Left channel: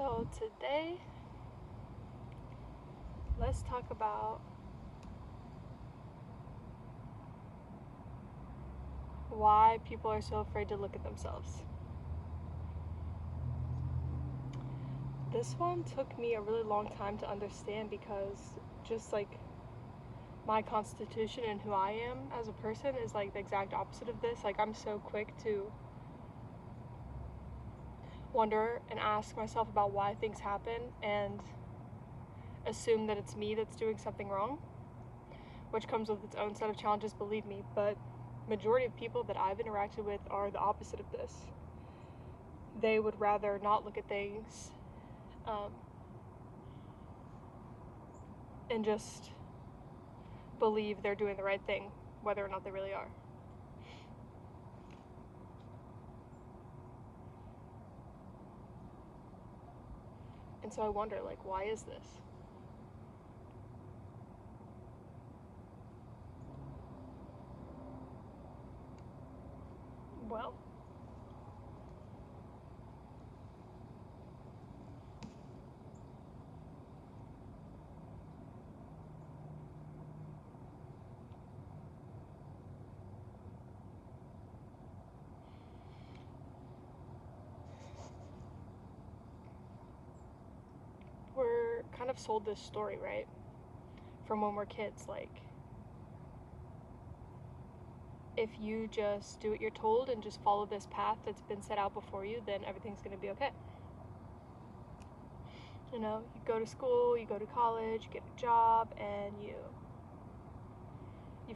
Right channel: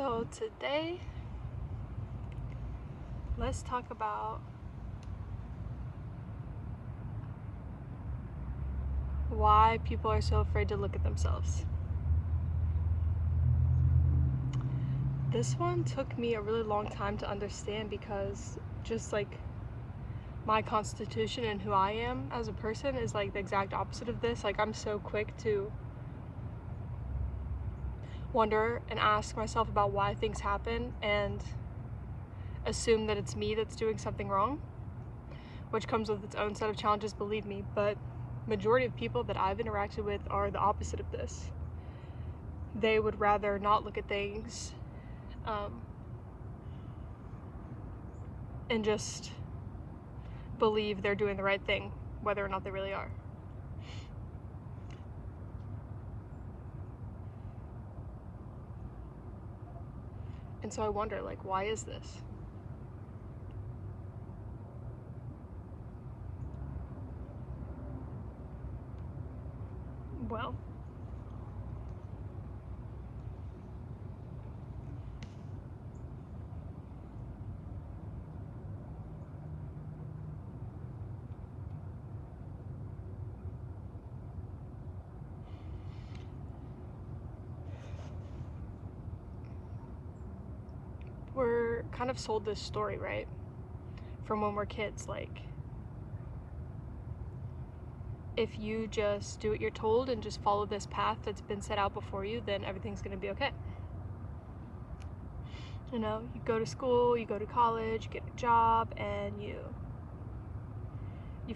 So today, let's talk about why people are so afraid to look at themselves. This one took me a really long time to understand because just like my constitution and who I am as a person is like the exact opposite of this. Like I'm so quick to wonder and ask myself about why things happen and assume that it's me that's doing something wrong, which comes with its own set of challenges, believe me, but majority of people that I've interacted with are the opposite of this. They would rather not look at things and just believe they're doing the right thing, whether or not they really are. And so I wonder, like, why is this? Well, we're kind of sold this story, right? From when we're kids, like, if you just do what you're told and just follow this path that's been set out before you, then everything's gonna be okay. You know, you go to school, you go to college, you get a job, and you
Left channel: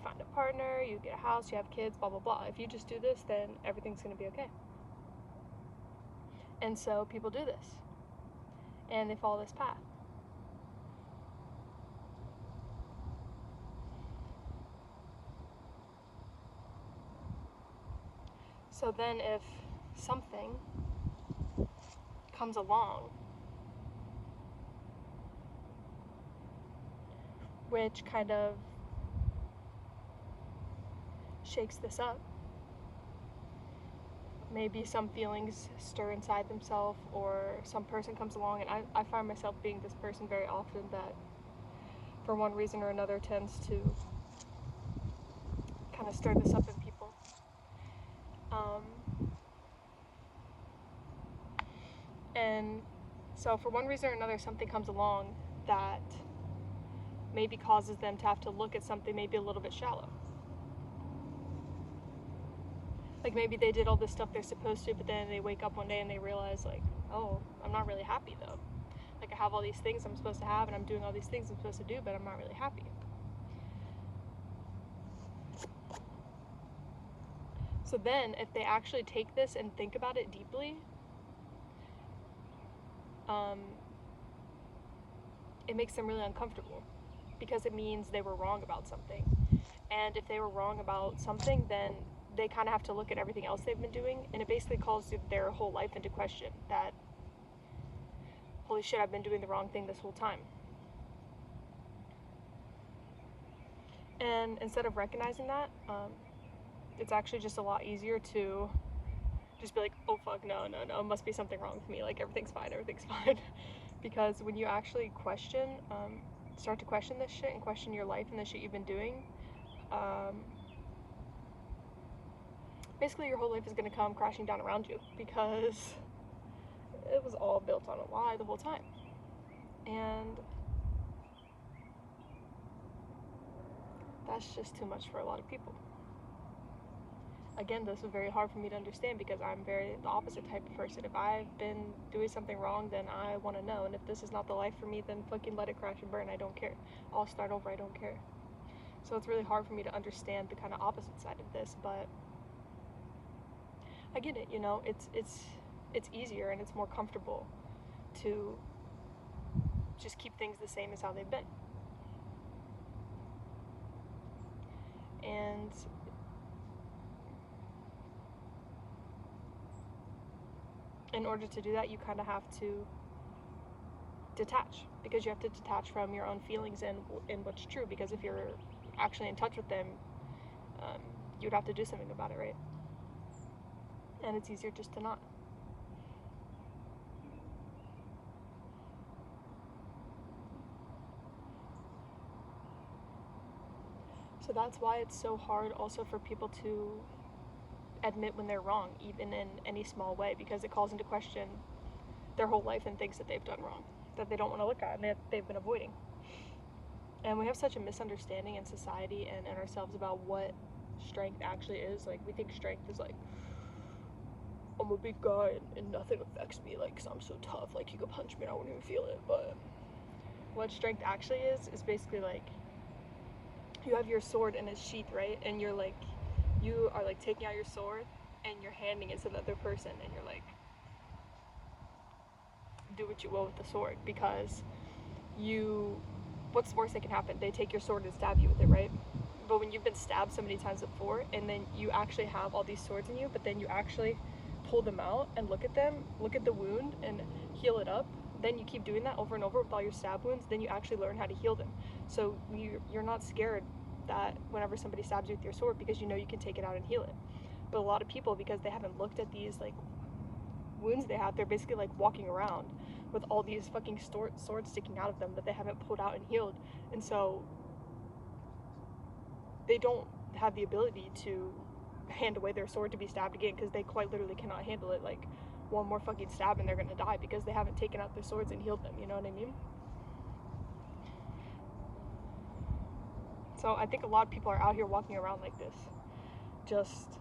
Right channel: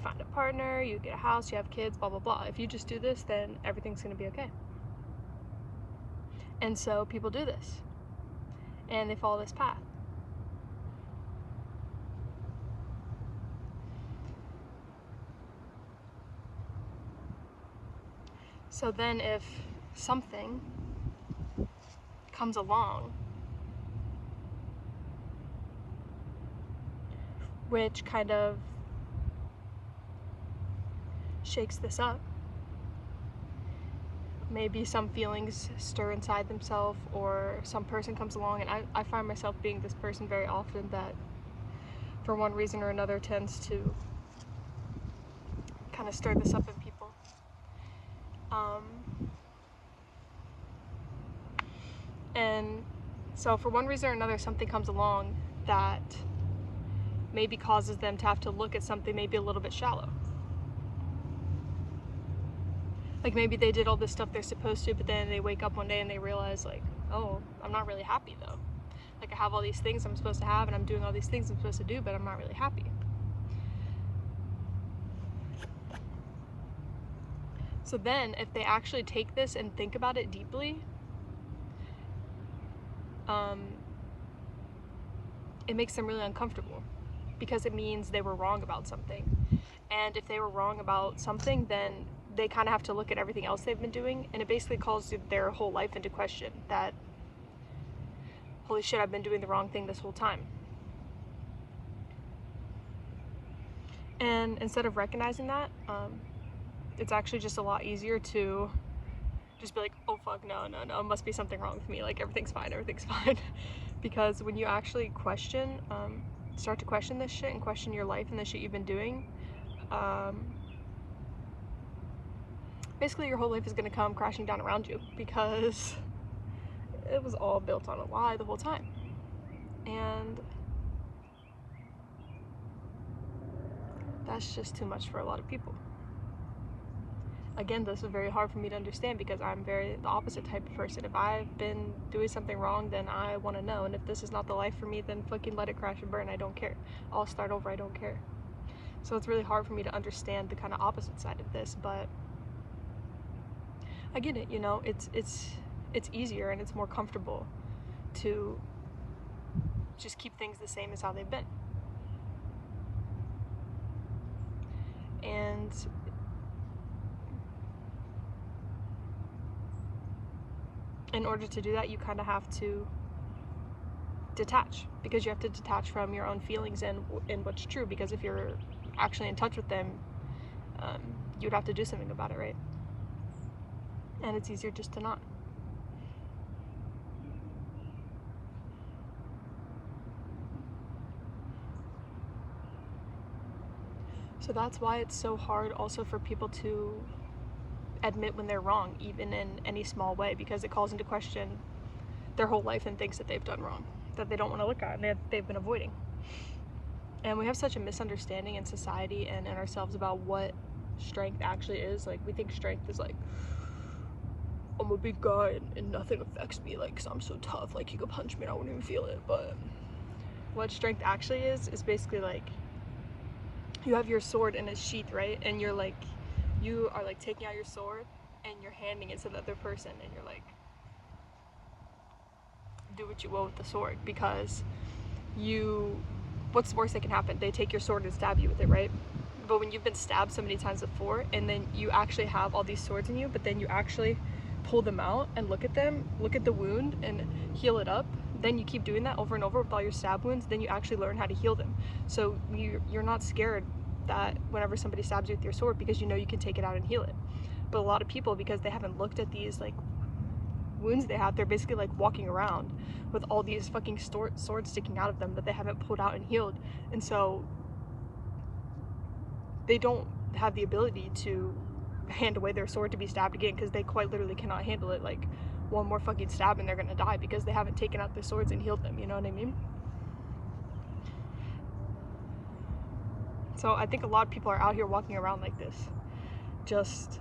find a partner, you get a house, you have kids, blah blah blah. If you just do this, then everything's gonna be okay. And so people do this, and they follow this path. So then if something comes along which kind of shakes this up, maybe some feelings stir inside themselves, or some person comes along, and I find myself being this person very often that for one reason or another tends to kind of stir this up in people. And so for one reason or another, something comes along that maybe causes them to have to look at something maybe a little bit shallow. Like maybe they did all this stuff they're supposed to, but then they wake up one day and they realize, like, oh, I'm not really happy though. Like I have all these things I'm supposed to have, and I'm doing all these things I'm supposed to do, but I'm not really happy. So then if they actually take this and think about it deeply, it makes them really uncomfortable because it means they were wrong about something. And if they were wrong about something, then they kind of have to look at everything else they've been doing, and it basically calls their whole life into question, that holy shit, I've been doing the wrong thing this whole time. And instead of recognizing that, it's actually just a lot easier to just be like, oh fuck, no, it must be something wrong with me, like everything's fine. Because when you actually start to question this shit and question your life and the shit you've been doing, basically your whole life is going to come crashing down around you, because it was all built on a lie the whole time. And that's just too much for a lot of people. Again, this is very hard for me to understand because I'm very the opposite type of person. If I've been doing something wrong, then I want to know. And if this is not the life for me, then fucking let it crash and burn. I don't care. I'll start over. I don't care. So it's really hard for me to understand the kind of opposite side of this, but I get it. You know, it's easier and it's more comfortable to just keep things the same as how they've been. And in order to do that, you kind of have to detach, because you have to detach from your own feelings and what's true, because if you're actually in touch with them, you would have to do something about it, right? And it's easier just to not. So that's why it's so hard also for people to admit when they're wrong, even in any small way, because it calls into question their whole life and things that they've done wrong, that they don't want to look at and they've been avoiding. And we have such a misunderstanding in society and in ourselves about what strength actually is. Like, we think strength is like, I'm a big guy and nothing affects me, like, 'cause I'm so tough, like, you could punch me and I wouldn't even feel it. But what strength actually is basically like, you have your sword in its sheath, right? And you are like taking out your sword and you're handing it to the other person, and you're like, do what you will with the sword, because what's the worst that can happen? They take your sword and stab you with it, right? But when you've been stabbed so many times before, and then you actually have all these swords in you, but then you actually pull them out and look at the wound and heal it up, then you keep doing that over and over with all your stab wounds, then you actually learn how to heal them. So you're not scared that whenever somebody stabs you with your sword, because you know you can take it out and heal it. But a lot of people, because they haven't looked at these like wounds they have, they're basically like walking around with all these fucking swords sticking out of them that they haven't pulled out and healed. And so they don't have the ability to hand away their sword to be stabbed again, because they quite literally cannot handle it. Like, one more fucking stab and they're gonna die because they haven't taken out their swords and healed them, you know what I mean? So I think a lot of people are out here walking around like this, just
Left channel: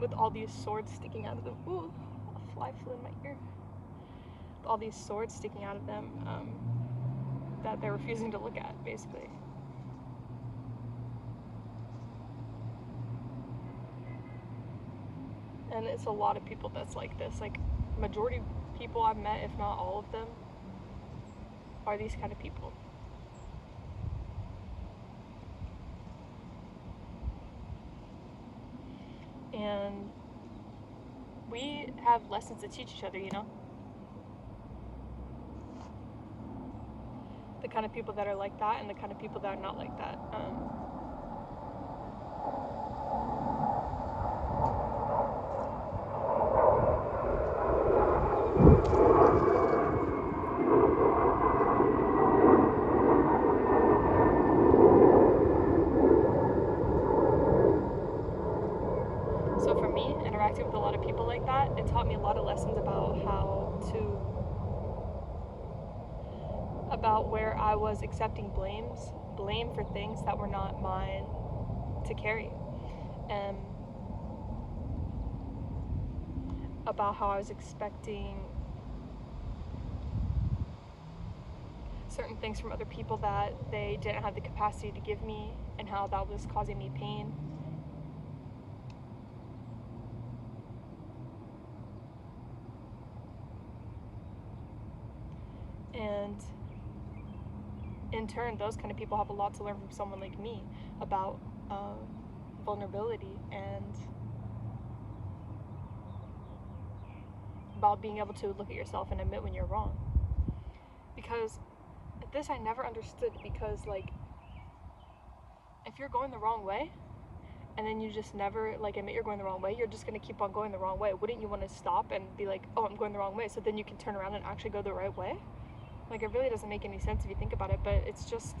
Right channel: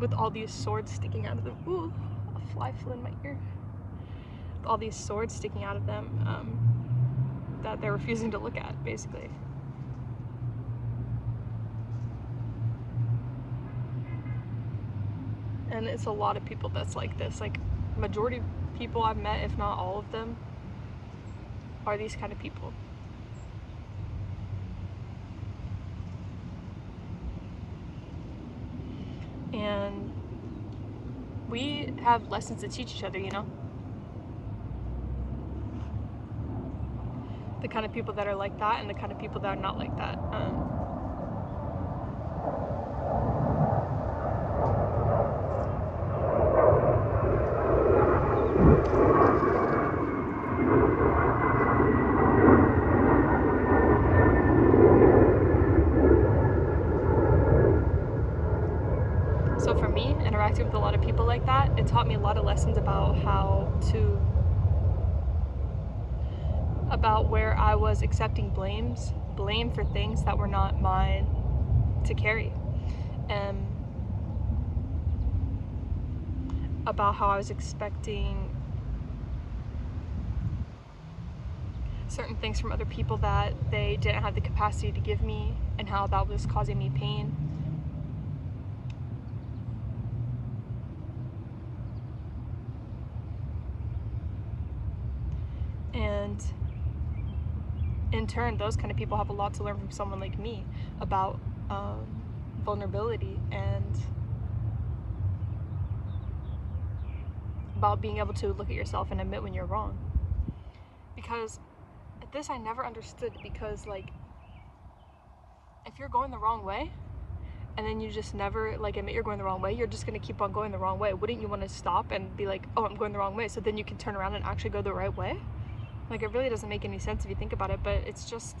with all these swords sticking out of them. Ooh, a fly flew in my ear. With all these swords sticking out of them, that they're refusing to look at, basically. And it's a lot of people that's like this. Like, majority of people I've met, if not all of them, are these kind of people. And we have lessons to teach each other, you know? The kind of people that are like that and the kind of people that are not like that. So for me, interacting with a lot of people like that, it taught me a lot of lessons about about where I was accepting blame for things that were not mine to carry. And about how I was expecting certain things from other people that they didn't have the capacity to give me, and how that was causing me pain. And in turn, those kind of people have a lot to learn from someone like me about vulnerability and about being able to look at yourself and admit when you're wrong. Because this I never understood, because like, if you're going the wrong way and then you just never like admit you're going the wrong way, you're just going to keep on going the wrong way. Wouldn't you want to stop and be like, oh, I'm going the wrong way, so then you can turn around and actually go the right way? Like, it really doesn't make any sense if you think about it, but it's just,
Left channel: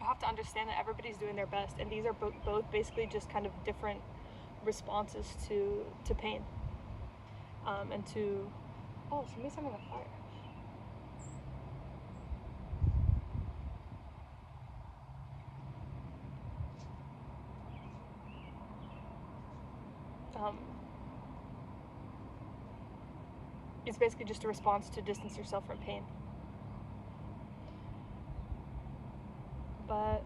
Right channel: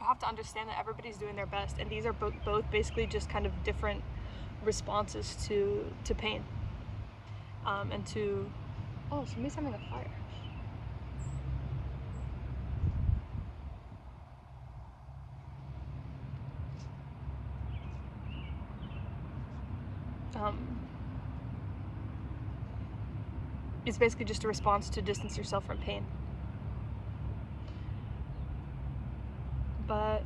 you have to understand that everybody's doing their best, and these are both basically just kind of different responses to pain, and to, oh, somebody's having a fire. It's basically just a response to distance yourself from pain. But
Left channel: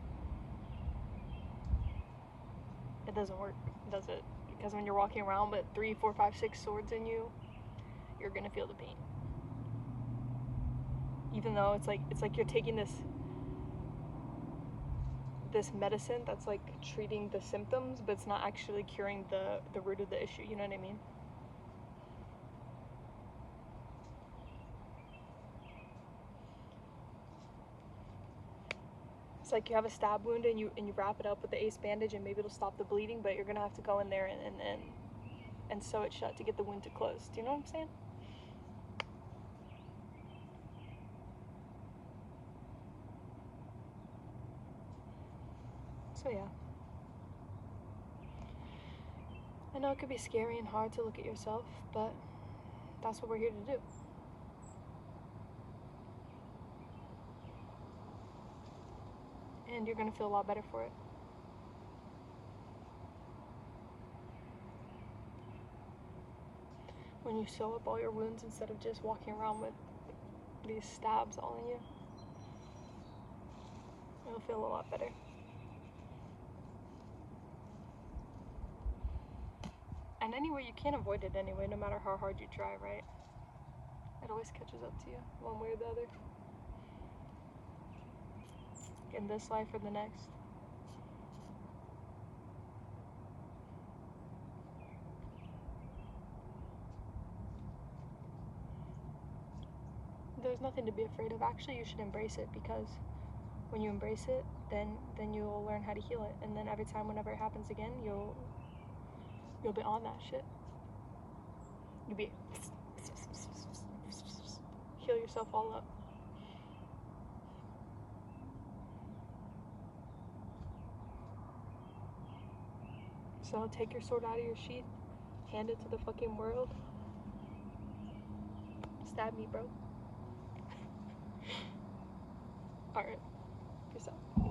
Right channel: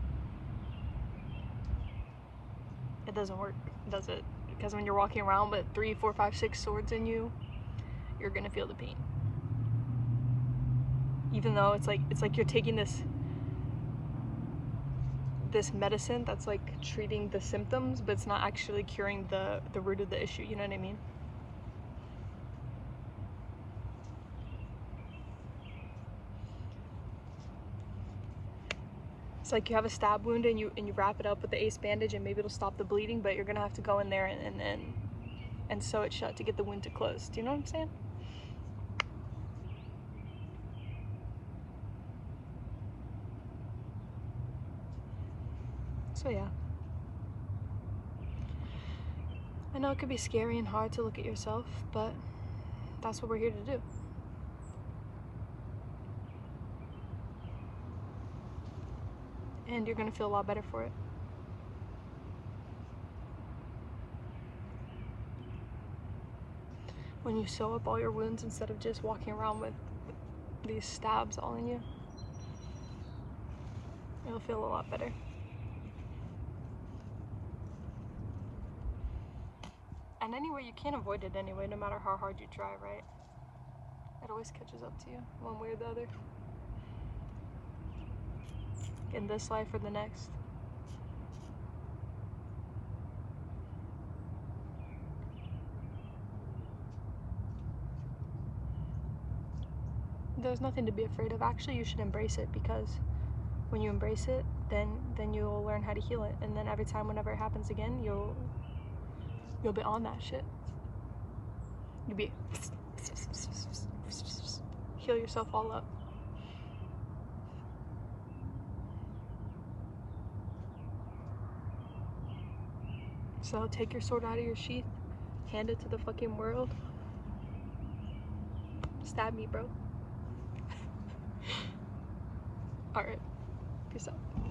it doesn't work, does it? Because when you're walking around with 3, 4, 5, 6 swords in you, you're gonna feel the pain. Even though it's like you're taking this medicine that's like treating the symptoms, but it's not actually curing the root of the issue, you know what I mean? It's like you have a stab wound and you wrap it up with the ace bandage, and maybe it'll stop the bleeding, but you're gonna have to go in there and sew it shut to get the wound to close. Do you know what I'm saying? So yeah. I know it could be scary and hard to look at yourself, but that's what we're here to do. And you're gonna feel a lot better for it. When you sew up all your wounds instead of just walking around with these stabs all in you, it'll feel a lot better. And anyway, you can't avoid it anyway, no matter how hard you try, right? It always catches up to you, one way or the other. In this life or the next. There's nothing to be afraid of. Actually, you should embrace it, because when you embrace it, then you'll learn how to heal it. And then every time, whenever it happens again, you'll be on that shit. You'll be heal yourself all up. So take your sword out of your sheath, hand it to the fucking world. Stab me, bro. Alright, peace out.